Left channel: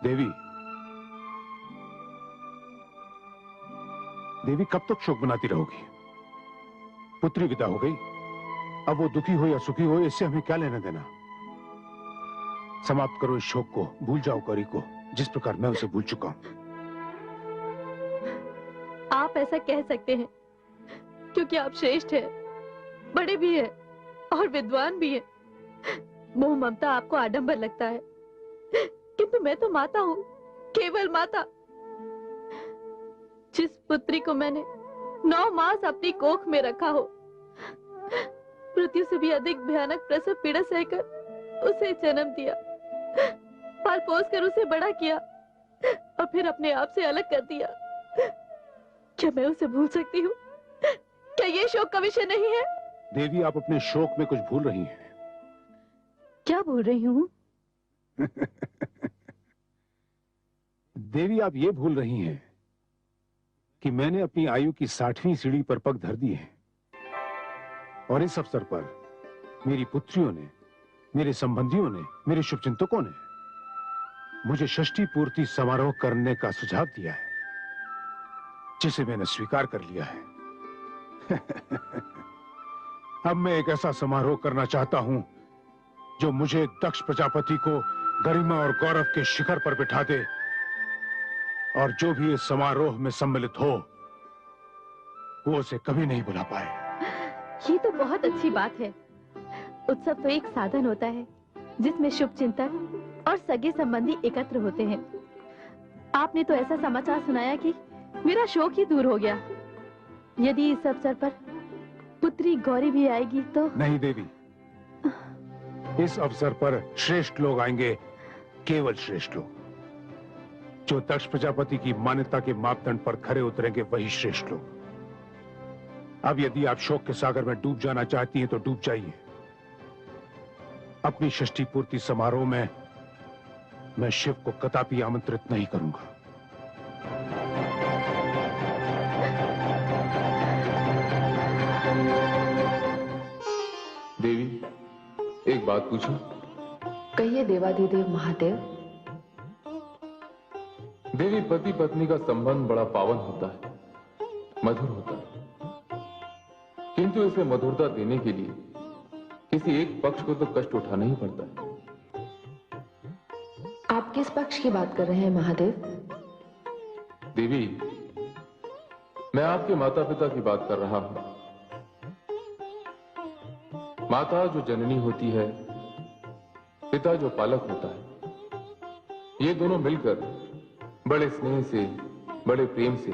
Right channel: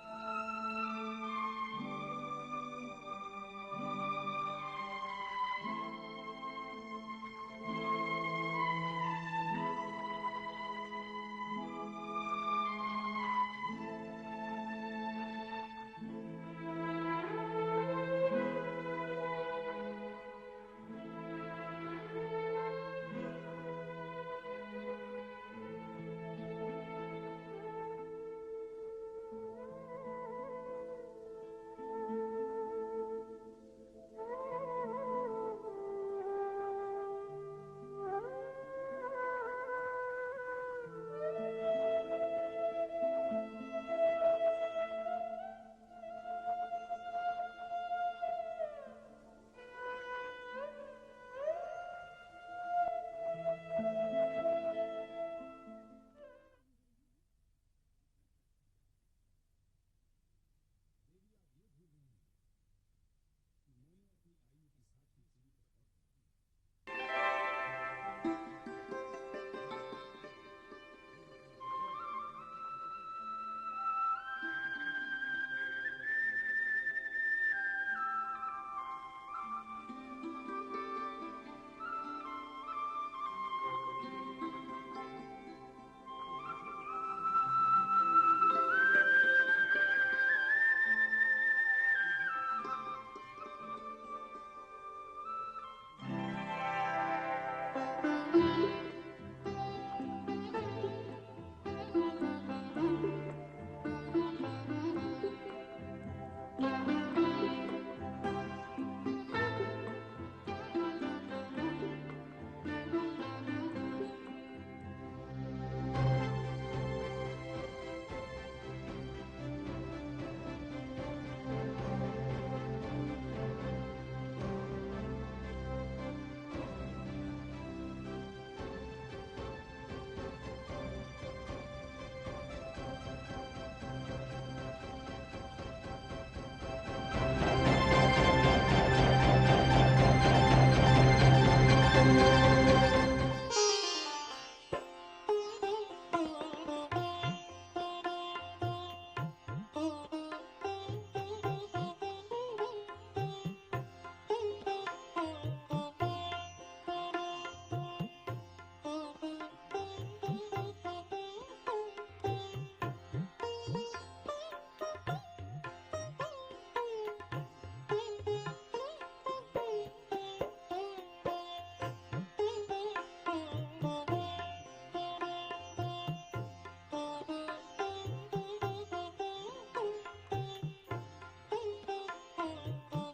देवी, देवी कब तक शोक मनाती रहोगी? पुत्री विदा हो गई, अब वो दुखी हो या सुखी हो, इससे हमें क्या लेना देना? समाप्त करो इस शोक को, भूल जाओ गौरी को, जिस प्रकार मैं उसे भूल चुका हूं। आप ऐसा कह सकते हैं क्योंकि आप श्रेष्ठ हैं, बड़े भी हैं और विद्वान भी हैं। मोह ममता आपको आडंबर लगता है, किंतु मैं तो माता हूँ, केवल माता। जिस पुत्री को मैंने 9 मास अपनी कोख में रखा हो, मृत्यु से भी अधिक भयानक प्रसव पीड़ा सहकर उसे जन्म दिया, पाल पोस कर उसे बड़ा किया और फिर अपने आप से अलग कर दिया, क्या मैं उसे भूल सकती हूँ? क्या ये शोक का विषय नहीं है? देवी, आप अपने शोक में कुछ भूल रही हैं। क्या भूल रही हूँ? देवी, आप ये भूल रही हैं कि मैंने अपनी आयु की 60वीं सीढ़ी पर पग धर दी है और इस अवसर पर मेरी पुत्रियों ने, मेरे संबंधियों ने, मेरे शुभचिंतकों ने मुझे षष्ठी पूर्ति समारोह करने का सुझाव दिया है, जिसे मैंने स्वीकार कर लिया है। अब मैं एक ऐसा समारोह करना चाहता हूं जो मुझे दक्ष प्रजापति को गरिमा और गौरव के शिखर पर बिठा दे, और जो भी इस समारोह में सम्मिलित हो वो उसे कभी नहीं भुला पाए। ये तो बहुत अच्छी बात है। उत्सव तो एक साधन होता है जिसमें शुभ चिंतक और सगे संबंधी एकत्र होते हैं। आपने तो ऐसा समाचार सुनाया कि मेरा शोक ही दूर हो गया। यदि इस अवसर पर पुत्री गौरी भी आएगी तो? नहीं देवी, इस अवसर पर श्रेष्ठ लोग आएंगे, केवल श्रेष्ठ लोग। जो दक्ष प्रजापति की मान्यता के मापदंड पर खरे उतरेंगे वही श्रेष्ठ लोग। अब यदि आप शोक के सागर में डूब जाना चाहती हैं तो डूब जाइए। अपनी षष्ठी पूर्ति समारोह में मैं शिव को कदापि आमंत्रित नहीं करूंगा। देवी, एक बात पूछूं? कहिए देवाधिदेव महादेव। देवी, पति पत्नी का संबंध बड़ा पावन होता है, मधुर होता है, किंतु इसे मधुरता देने के लिए किसी एक पक्ष को तो कष्ट उठाना ही पड़ता है। आप किस पक्ष की बात कर रहे हैं महादेव? देवी, मैं आपके माता पिता की बात कर रहा हूं। माता जो जननी होती है, पिता जो पालक होता है, ये दोनों मिलकर बड़े स्नेह से, बड़े प्रेम से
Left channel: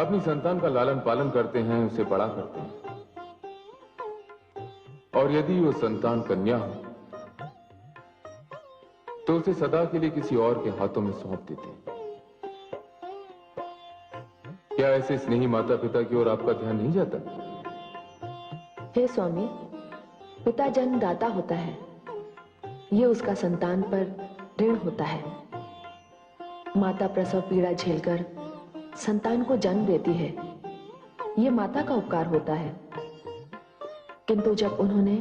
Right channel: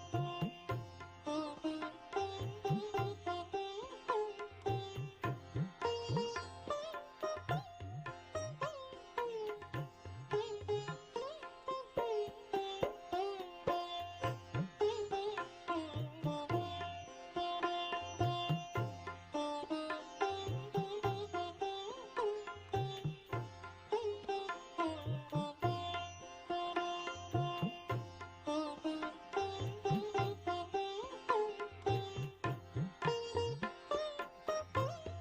अपनी संतान का लालन पालन करते हैं, उसे बड़ा करते हैं। और यदि वो संतान कन्या हो तो उसे सदा के लिए किसी और के हाथों में सौंप देते हैं। क्या ऐसे स्नेही माता पिता की ओर आपका ध्यान नहीं जाता? हे स्वामी, पिता जन्मदाता होता है, ये उसका संतान पर ऋण होता है। माता प्रसव पीड़ा झेलकर संतान को जन्म देती है, ये माता का उपकार होता है। किंतु जब उन्होंने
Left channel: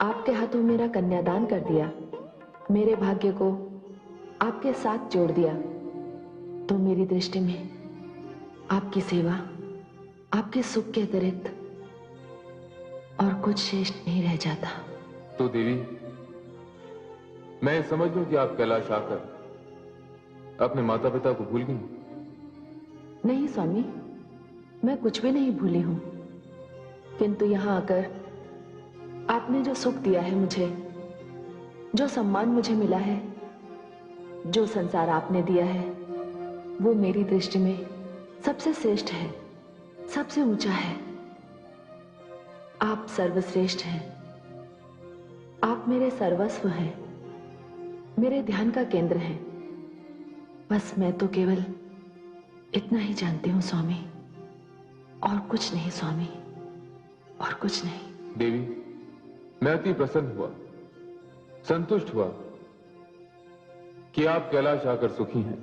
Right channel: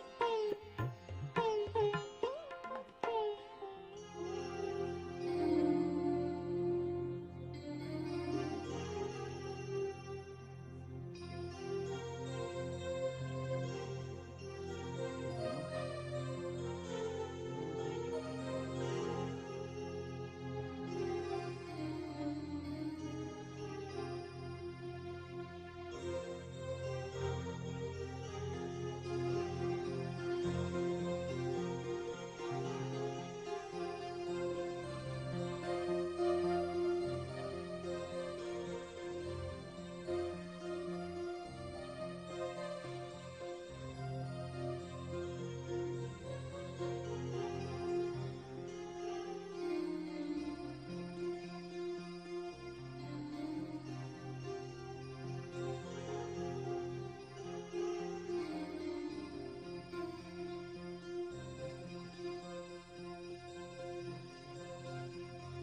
आपके हाथों मेरा कन्यादान कर दिया, मेरे भाग्य को आपके साथ जोड़ दिया, तो मेरी दृष्टि में आपकी सेवा, आपके सुख के अतिरिक्त और कुछ शेष नहीं रह जाता। तो देवी, मैं समझ लूं कि आप कैलाश आकर अपने माता पिता को भूल गई? नहीं स्वामी, मैं कुछ भी नहीं भूली हूं, किंतु यहां आकर आपने जो सुख दिया है मुझे, जो सम्मान मुझे मिला है, जो संसार आपने दिया है, वो मेरी दृष्टि में सबसे श्रेष्ठ है, सबसे ऊंचा है। आप सर्वश्रेष्ठ हैं, आप मेरे सर्वस्व हैं, मेरे ध्यान का केंद्र हैं। बस मैं तो केवल इतना ही जानती हूं स्वामी, और कुछ नहीं स्वामी, और कुछ नहीं। देवी, मैं अति प्रसन्न हुआ, संतुष्ट हुआ कि आप कैलाश आकर सुखी हैं।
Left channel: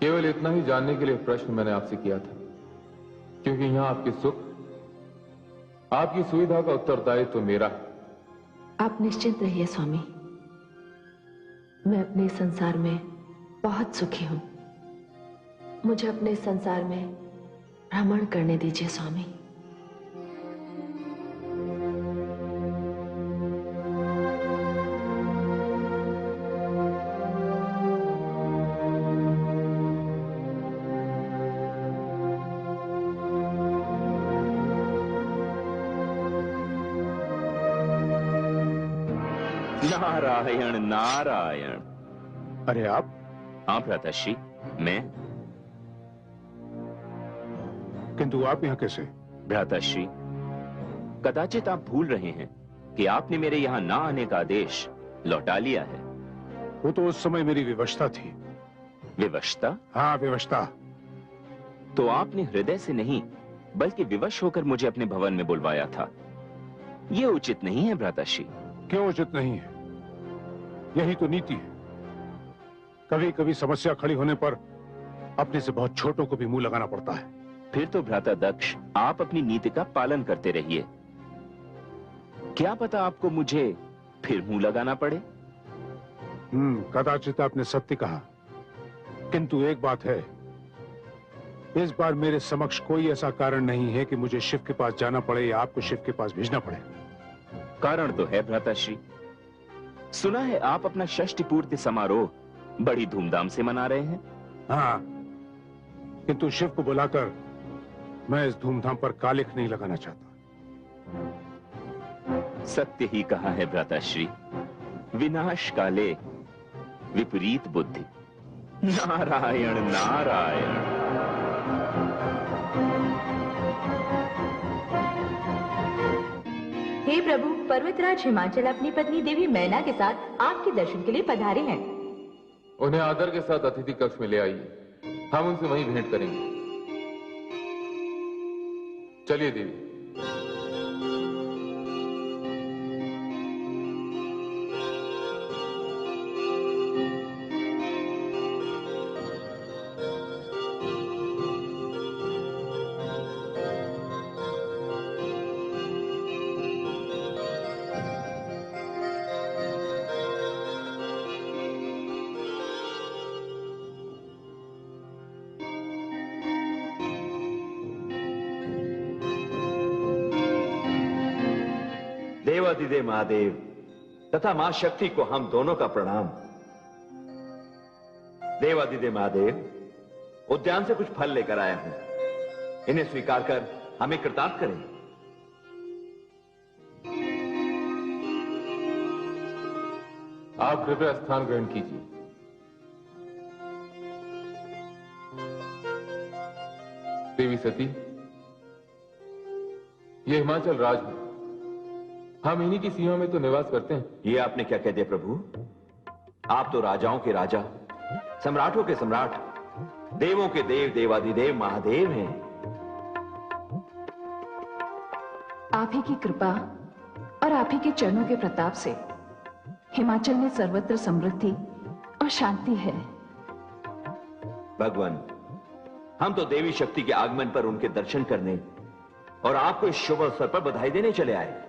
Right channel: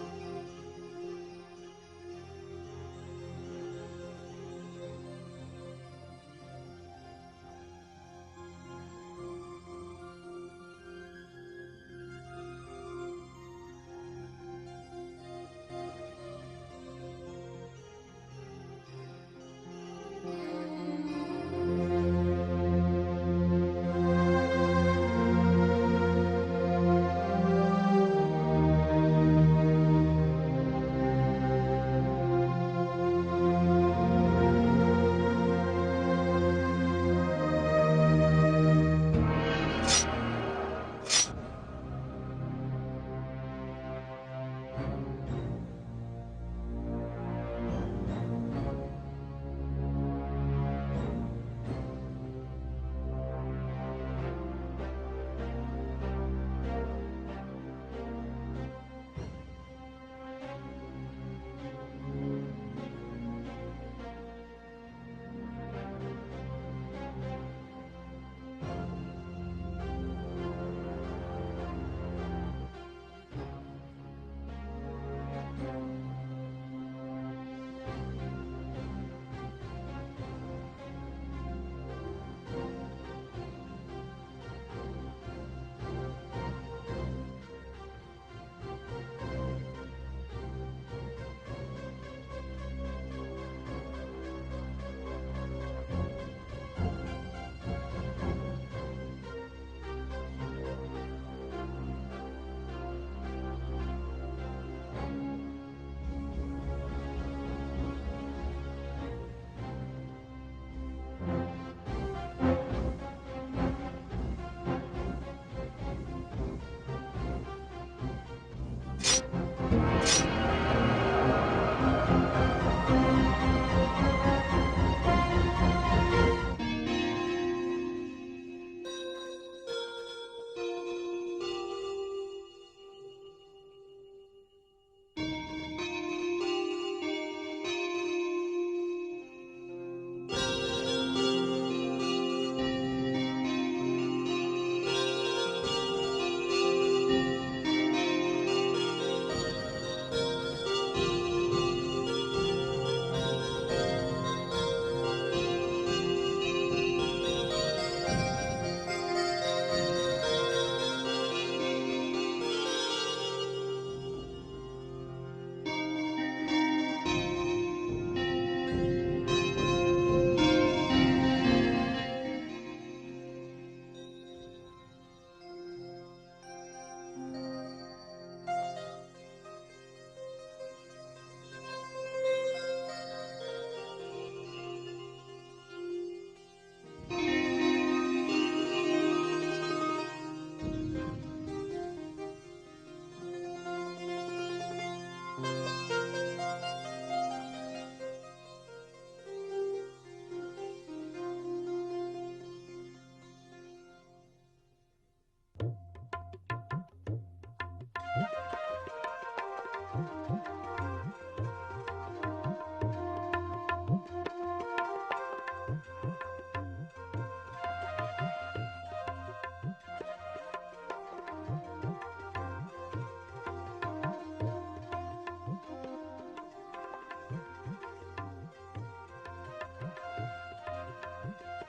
केवल इतना ही जानने के लिए प्रश्न मैंने आपसे किया था, क्योंकि यहां आपके सुख, आपकी सुविधा का उत्तरदायित्व तो मेरा है। आप निश्चिंत रहिए स्वामी, मैं अपने संसार में बहुत सुखी हूं। मुझे अपने संसार में भ्रमण करने दीजिए स्वामी। नारायण नारायण। अरे आप? हाँ भ्राताश्री, मैं। किंतु आप यहाँ कैसे? भ्राताश्री, कदाचित आप भूल रहे हैं कि आपने मेरे यहाँ ना आने का आदेश लौटा लिया है। वो तो उस समय मेरी विवशता थी। विवशता? हाँ, विवशता। तो आपने हृदय से नहीं बल्कि विवश होकर मुझे अपने भवन में बुलवाया था। ये उचित नहीं है भ्राताश्री। क्यों उचित नहीं है? यही तो नीति है। कभी कभी समस्या खड़ी होने पर अपने से बहुत छोटों को भी मुंह लगाना पड़ता है। फिर तो भ्राता दक्ष, आप अपनी नीति का पालन करते रहिए। क्या पता आपको मुझे फिर मुंह लगाना पड़े। कदाचित आपने सत्य कहा, किंतु एक बात है, इस बार मेरे समक्ष कोई ऐसा कारण नहीं है कि मुझे शिव के पास जाना पड़े या आपको शिव के पास भेजना पड़े। कारण तो है भ्राताश्री। सुना है आप अपना षष्ठी पूर्ति समारोह बड़ी धूमधाम से मना रहे हैं। हाँ, किंतु शिव को बुलाकर मैं इस धूमधाम पर कालिख नहीं लगाना चाहता। सत्य ही कहा है भ्राताश्री, विनाश काले विपरीत बुद्धि। नारायण नारायण। हे प्रभु, पर्वतराज हिमाचल अपनी पत्नी देवी मैना के साथ आपके दर्शन के लिए पधारे हैं। उन्हें आदर के साथ अतिथि कक्ष में ले आइए, हम उनसे वहीं भेंट करेंगे। चलिए देवी। देवाधिदेव महादेव तथा मां शक्ति को हम दोनों का प्रणाम। देवाधिदेव महादेव, उद्यान से कुछ फल लेकर आया हूं, इन्हें स्वीकार कर हमें कृतार्थ करें। आप कृपया स्थान ग्रहण कीजिए। देवी सती, ये हिमाचल राज है, हम इन्हीं की सीमा में तो निवास करते हैं। ये आपने क्या कह दिया प्रभु? आप तो राजाओं के राजा, सम्राटों के सम्राट, देवों के देव, देवाधिदेव महादेव हैं। आप ही की कृपा और आप ही के चरणों के प्रताप से हिमाचल में सर्वत्र समृद्धि और शांति है। भगवान, हम तो देवी शक्ति के आगमन पर उनके दर्शन करने और आपको इस शुभ अवसर पर बधाई देने चले आए,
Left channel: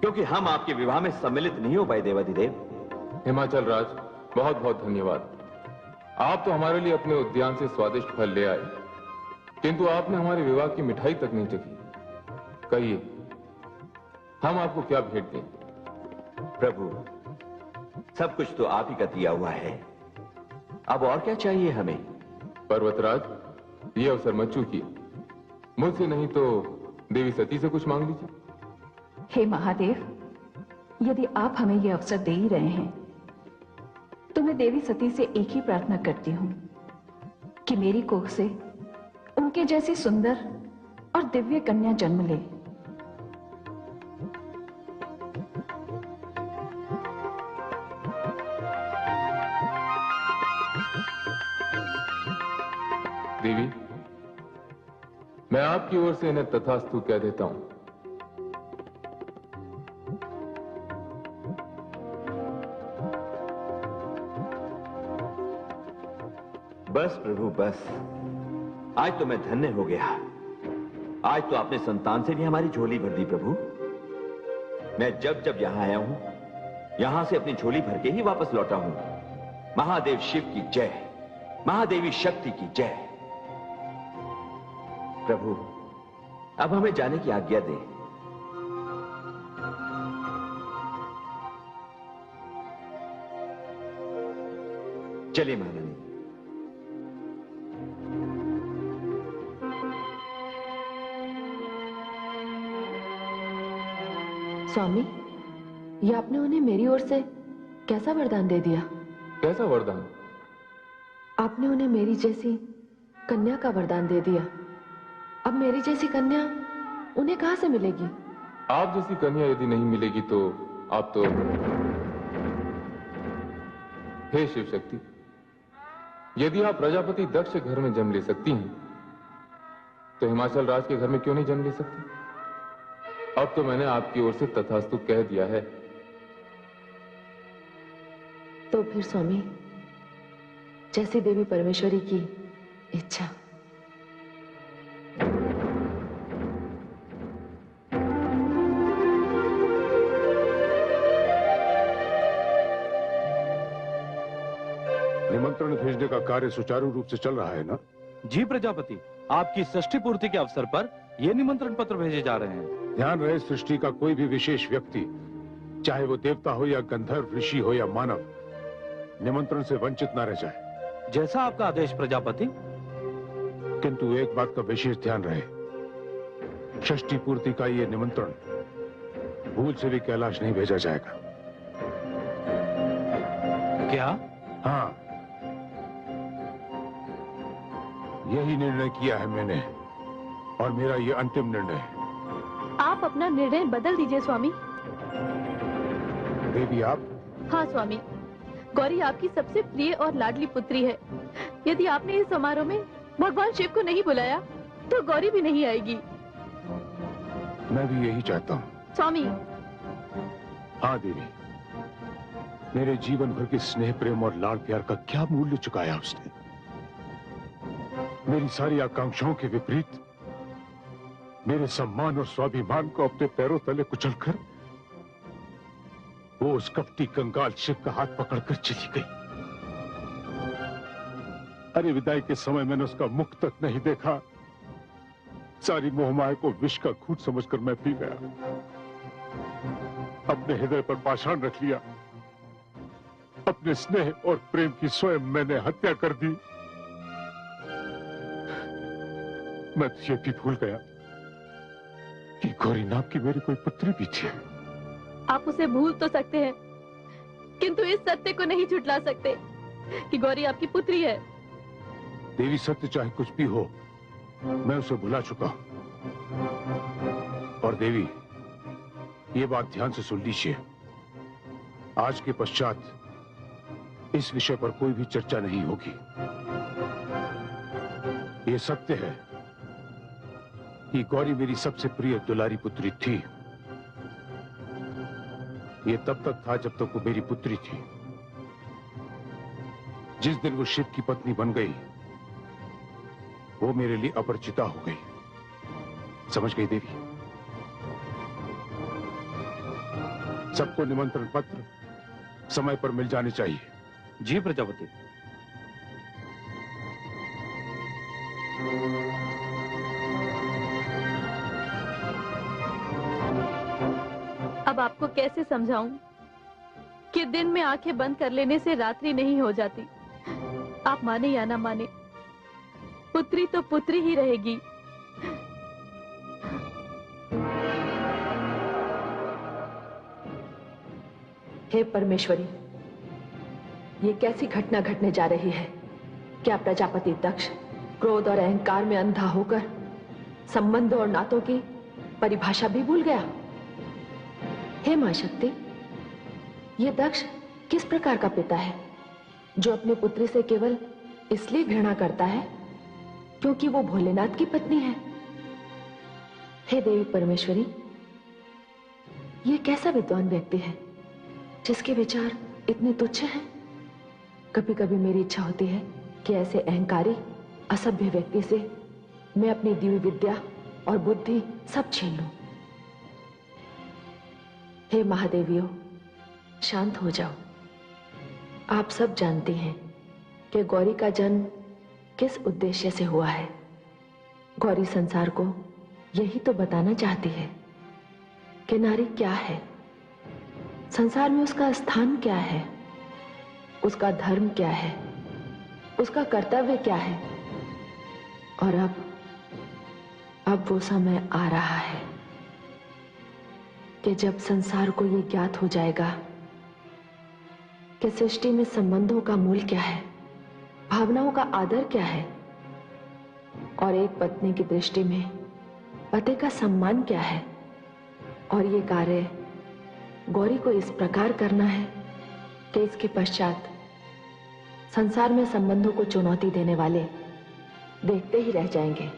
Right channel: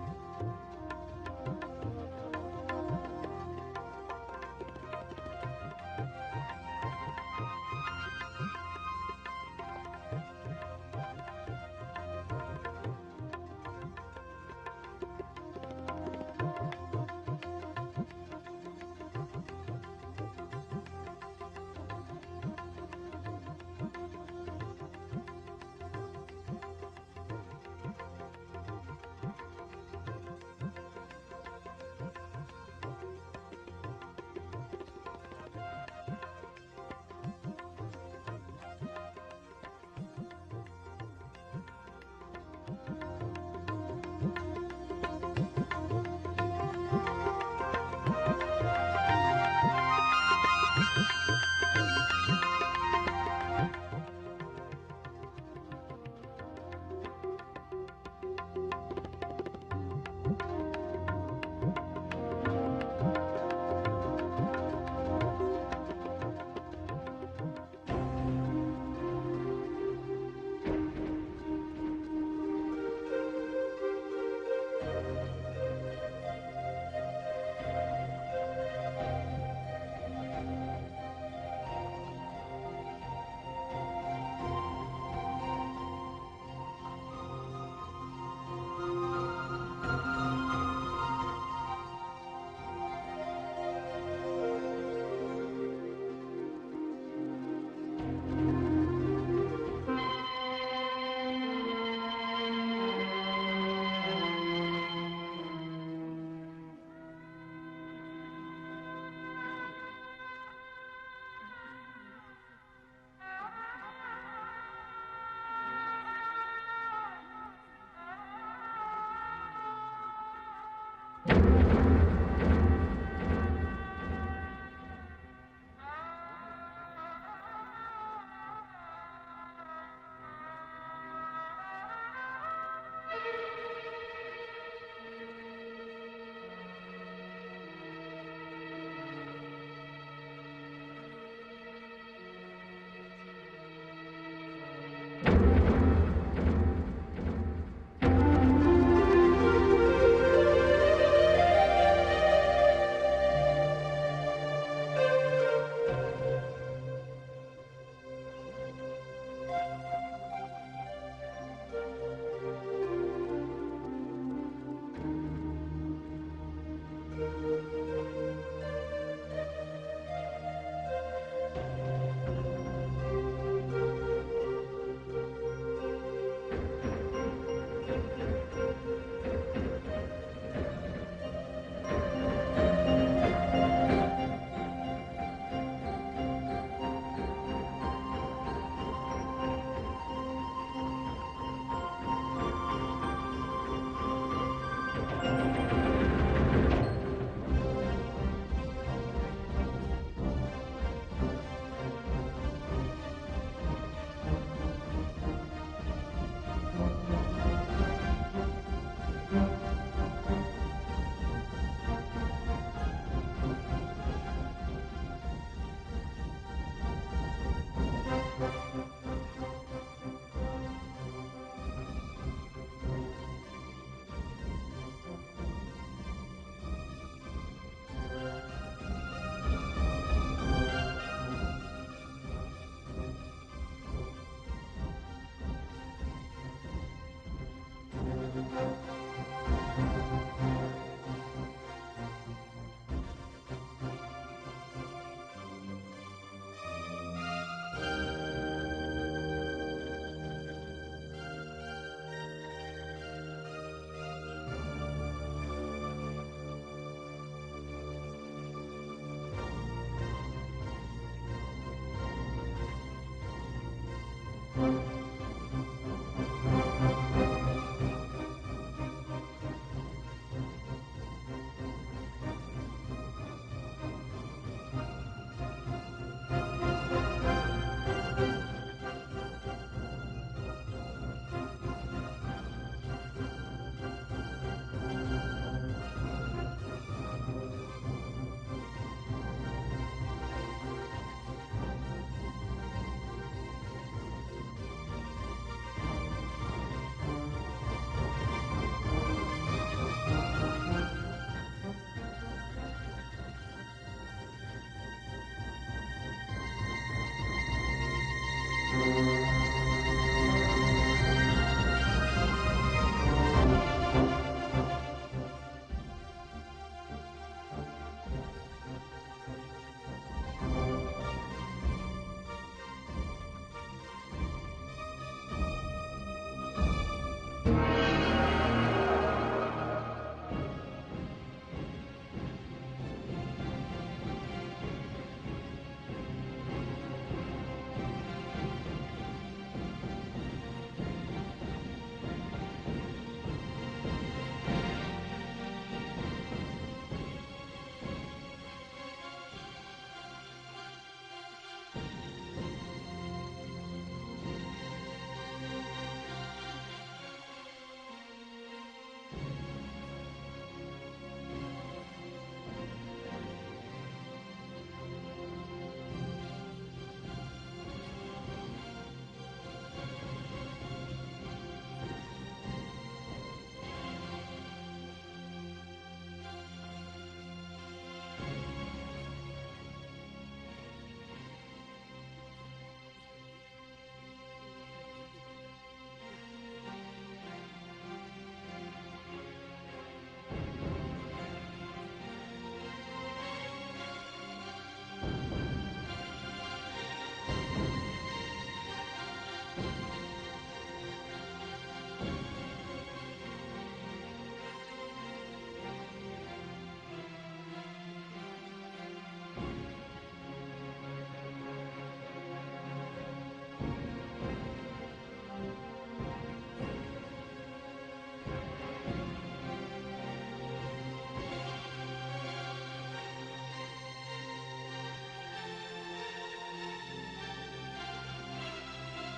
क्योंकि हम आपके विवाह में सम्मिलित नहीं हो पाए। देवाधिदेव हिमाचल राज, बहुत बहुत धन्यवाद। आप तो हमारे लिए अपने उद्यान से स्वादिष्ट फल ले आए, किंतु आपने हमारे विवाह की मिठाई तक नहीं चखी। कहिए, हम आपको क्या भेंट दें? प्रभु, सब कुछ तो आप ही का दिया हुआ है, अब और क्या चाहिए हमें? पर्वतराज, ये अवसर मत चूकिए, मुझसे नहीं तो देवी सती से कुछ मांग लीजिए। हे महादेव, यदि आप हमें यह अवसर दे ही रहे हैं तो मैं देवी सती से एक ही प्रार्थना करती हूँ कि मेरी कोख से उनके जैसी सुंदर और दिव्य कन्या जन्म ले। देवी, मैं आपकी ओर से इन्हें तथास्तु कह देता हूं। बस प्रभु बस, आज तो मैं धन्य हो गया। आज तो आपने संतान से भी हमारी झोली भर दी प्रभु। मैं जब जब यहां आया हूं, यहां से अपनी झोली भर के ही वापस लौटा हूं। महादेव शिव की जय, महादेवी शक्ति की जय। प्रभु, अब हमें जाने की आज्ञा दें। चलिए महारानी। स्वामी, ये आपने उन्हें मेरी ओर से कैसा वरदान दे दिया? कैसा वरदान? आपने उन्हें मेरी जैसी कन्या का वरदान दे दिया। अब मेरी जैसी कन्या उन्हें कहां से मिलेगी? आप जैसी कन्या यदि नहीं मिलेगी तो आप तो... हे शिव शक्ति, यदि आप प्रजापति दक्ष के घर में जन्म ले सकती हैं, तो हिमाचल राज के घर में क्यों नहीं जन्म ले सकती? अब तो मैंने आपकी ओर से तथास्तु कह दिया है। तो फिर स्वामी, जैसी देवी परमेश्वरी की इच्छा। निमंत्रण भेजने का कार्य सुचारू रूप से चल रहा है ना? जी प्रजापति, आपकी षष्ठी पूर्ति के अवसर पर ये निमंत्रण पत्र भेजे जा रहे हैं। ध्यान रहे, सृष्टि का कोई भी विशेष व्यक्ति, चाहे वो देवता हो या गंधर्व, ऋषि हो या मानव, निमंत्रण से वंचित न रह जाए। जैसा आपका आदेश प्रजापति। किंतु एक बात का विशेष ध्यान रहे, षष्ठी पूर्ति का ये निमंत्रण भूल से भी कैलाश नहीं भेजा जाएगा। क्या? हाँ, यही निर्णय किया है मैंने, और मेरा ये अंतिम निर्णय है। आप अपना निर्णय बदल दीजिए स्वामी। फिर भी आप? हाँ स्वामी, गौरी आपकी सबसे प्रिय और लाडली पुत्री है। यदि आपने इस समारोह में भगवान शिव को नहीं बुलाया तो गौरी भी नहीं आएगी। मैं भी यही चाहता हूँ स्वामी। हाँ देवी, मेरे जीवन भर के स्नेह, प्रेम और लाड प्यार का क्या मूल्य चुकाया उसने? मेरी सारी आकांक्षाओं के विपरीत मेरे सम्मान और स्वाभिमान को अपने पैरों तले कुचलकर वो उस कपटी कंगाल शिव का हाथ पकड़कर चली गई। अरे विदाई के समय मैंने उसका मुख तक नहीं देखा। सारी मोहमाया को विष का घूंट समझकर मैं पी गया। अपने हृदय पर पाषाण रख लिया। अपने स्नेह और प्रेम की स्वयं मैंने हत्या कर दी। मैं तो ये भी भूल गया कि गौरी नाम की मेरी कोई पुत्री भी थी। आप उसे भूल तो सकते हैं, किंतु इस सत्य को नहीं झुठला सकते कि गौरी आपकी पुत्री है। देवी, सत्य चाहे कुछ भी हो, मैं उसे भुला चुका हूं। और देवी, ये बात ध्यान से सुन लीजिए, आज के पश्चात इस विषय पर कोई भी चर्चा नहीं होगी। ये सत्य है कि गौरी मेरी सबसे प्रिय दुलारी पुत्री थी। ये तब तक था जब तक वो मेरी पुत्री थी। जिस दिन वो शिव की पत्नी बन गई, वो मेरे लिए अपरिचिता हो गई। समझ गई देवी? सबको निमंत्रण पत्र समय पर मिल जाने चाहिए। जी प्रजापति। अब आपको कैसे समझाऊं कि दिन में आंखें बंद कर लेने से रात्रि नहीं हो जाती। आप माने या ना माने, पुत्री तो पुत्री ही रहेगी। हे परमेश्वरी, ये कैसी घटना घटने जा रही है? क्या प्रजापति दक्ष क्रोध और अहंकार में अंधा होकर संबंध और नातों की परिभाषा भी भूल गया? हे मां शक्ति, ये दक्ष किस प्रकार का पिता है जो अपनी पुत्री से केवल इसलिए घृणा करता है क्योंकि वो भोलेनाथ की पत्नी है? हे देवी परमेश्वरी, ये कैसा विद्वान व्यक्ति है जिसके विचार इतने तुच्छ हैं? कभी कभी मेरी इच्छा होती है कि ऐसे अहंकारी असभ्य व्यक्ति से मैं अपनी दिव्य विद्या और बुद्धि सब छीन लूं। हे महादेवियों, शांत हो जाओ। आप सब जानते हैं कि गौरी का जन्म किस उद्देश्य से हुआ है। गौरी संसार को यही तो बताना चाहती है कि नारी क्या है, संसार में उसका स्थान क्या है, उसका धर्म क्या है, उसका कर्तव्य क्या है। और अब वो समय आ रहा है कि जब संसार को ये ज्ञात हो जाएगा कि सृष्टि में संबंधों का मूल क्या है, भावनाओं का आदर क्या है, और एक पत्नी की दृष्टि में पति का सम्मान क्या है। और ये कार्य गौरी को इस प्रकार करना है कि इसके पश्चात संसार में संबंधों को चुनौती देने वाले देखते ही रह जाएंगे।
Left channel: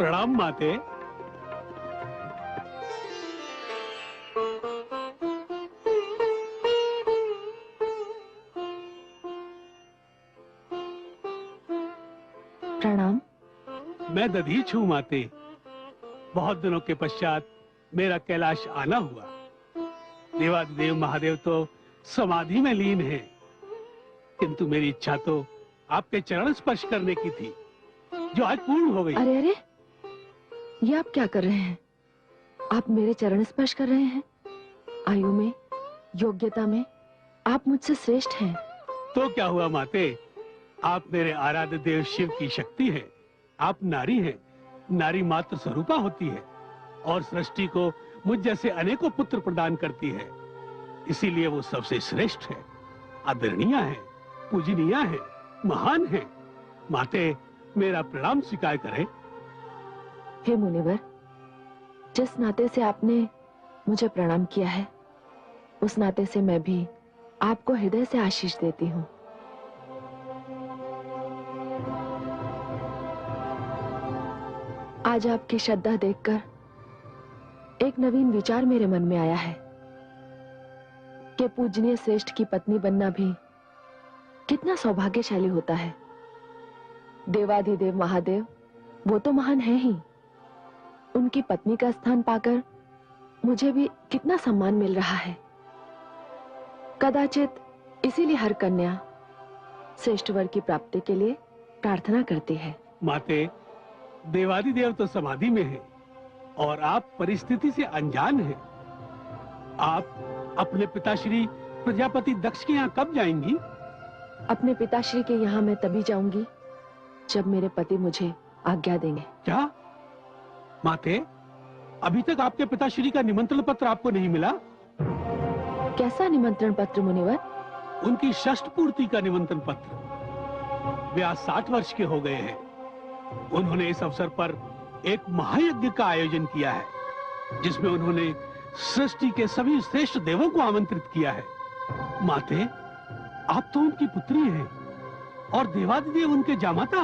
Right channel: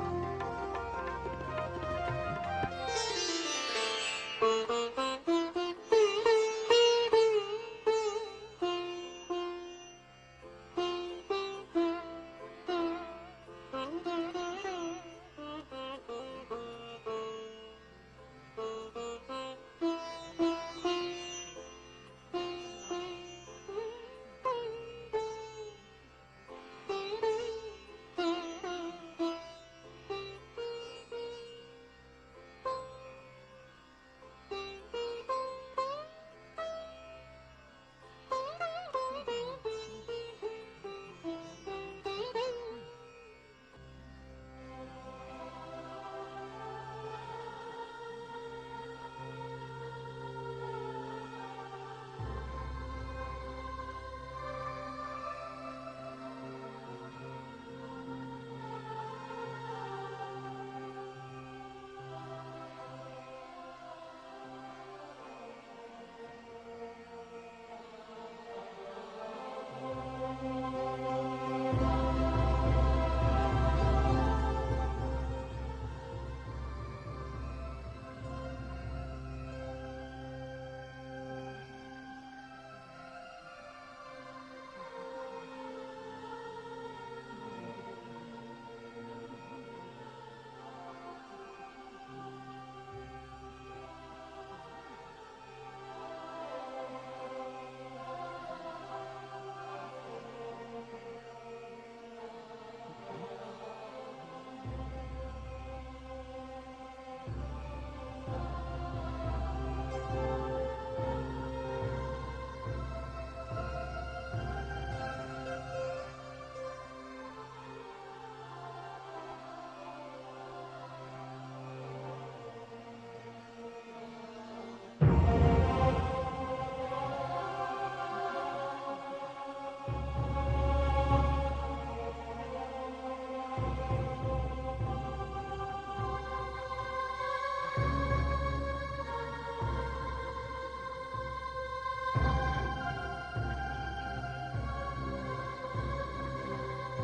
प्रणाम माते। प्रणाम। मैं दधीच हूँ माते। बहुत दिनों के पश्चात मेरा कैलाश आना हुआ। देवादिदेव महादेव तो समाधि में लीन है, किंतु मेरी इच्छा तो आपके चरण स्पर्श करने की थी, जो आज पूर्ण हो गई। अरे अरे, ये आप क्या कर रहे हैं? आप मेरे चरण स्पर्श कर रहे हैं? आयु में, योग्यता में आप मुझसे श्रेष्ठ हैं। तो क्या हुआ माते, आप मेरे आराध्य देव शिव की शक्ति हैं। आप नारी हैं, नारी मात्र स्वरूपा होती है और सृष्टि को मुझ जैसे अनेकों पुत्र प्रदान करती है। इसीलिए वो सबसे श्रेष्ठ है, आदरणीय है, पूजनीय है, महान है। माते, मेरा प्रणाम स्वीकार करें। हे मुनिवर, जिस नाते से आपने मुझे प्रणाम किया है, उस नाते से मैं भी आपको हृदय से आशीष देती हूँ। आज आपकी श्रद्धा देखकर एक नवीन विचार मेरे मन में आया है कि पूजनीय श्रेष्ठ की पत्नी बनना भी कितना सौभाग्यशाली होता है। देवाधिदेव महादेव वो तो महान है ही, उनकी पत्नी का स्थान पाकर मुझे भी कितना सम्मान मिल रहा है। कदाचित इसीलिए हर कन्या श्रेष्ठ वर की प्राप्ति के लिए प्रार्थना करती है। माते, देवादिदेव तो समाधि में है और आप परिस्थिति से अनजान हैं। आप अपने पिताश्री प्रजापति दक्ष के यहाँ कब जाएंगी? अपने पिताश्री के यहाँ मैं तभी जाऊंगी जब मेरे पति मुझे आज्ञा देंगे। क्या माते, अभी तक आपके पिताश्री का निमंत्रण पत्र आपको नहीं मिला? कैसा निमंत्रण पत्र मुनिवर? उनकी षष्ठ पूर्ति का निमंत्रण पत्र। वे आज 60 वर्ष के हो गए हैं। उन्होंने इस अवसर पर एक महायज्ञ का आयोजन किया है, जिसमें उन्होंने सृष्टि के सभी श्रेष्ठ देवों को आमंत्रित किया है। माते, आप तो उनकी पुत्री हैं और देवादिदेव उनके जामाता।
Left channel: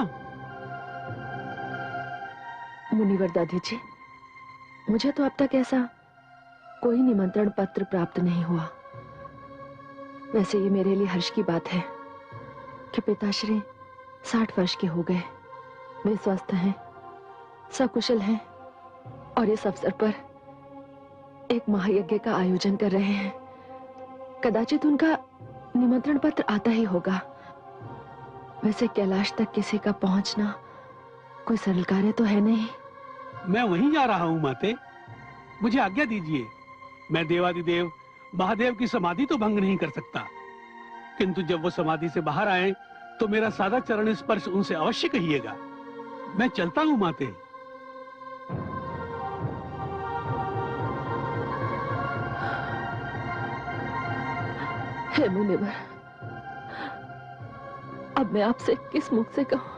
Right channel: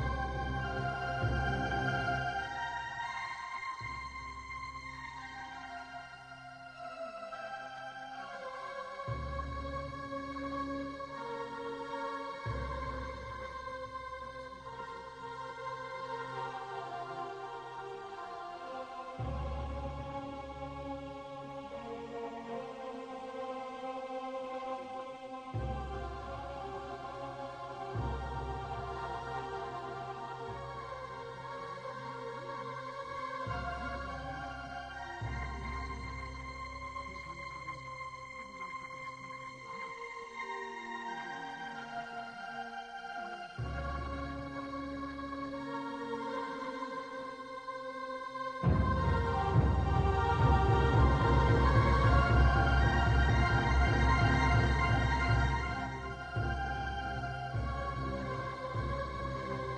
मुनिवर दादी जी, मुझे तो अब तक ऐसा कोई निमंत्रण पत्र प्राप्त नहीं हुआ। वैसे ये मेरे लिए हर्ष की बात है कि पिताश्री 60 वर्ष के हो गए, वे स्वस्थ हैं, सकुशल हैं और इस अवसर पर एक महायज्ञ का आयोजन कर रहे हैं। कदाचित उनका निमंत्रण पत्र आता ही होगा। वैसे कैलाश तक किसी का पहुंचना कोई सरल कार्य तो है नहीं। मैं वहीं जा रहा हूँ माते, मुझे आज्ञा दीजिए। मैं देवादिदेव महादेव की समाधि तो भंग नहीं कर सकता, किंतु जब वो समाधि से बाहर आए तो मेरा सादा चरण स्पर्श उनसे अवश्य कहिएगा। मैं चलता हूँ माते। हे मुनिवर, अब मैं आपसे किस मुख से कहूं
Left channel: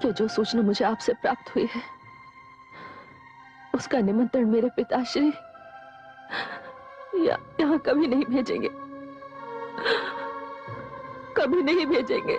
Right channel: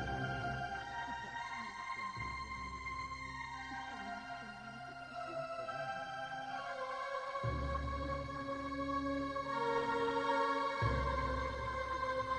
कि जो सूचना मुझे आपसे प्राप्त हुई है, उसका निमंत्रण मेरे पिताश्री यहाँ कभी नहीं भेजेंगे, कभी नहीं भेजेंगे।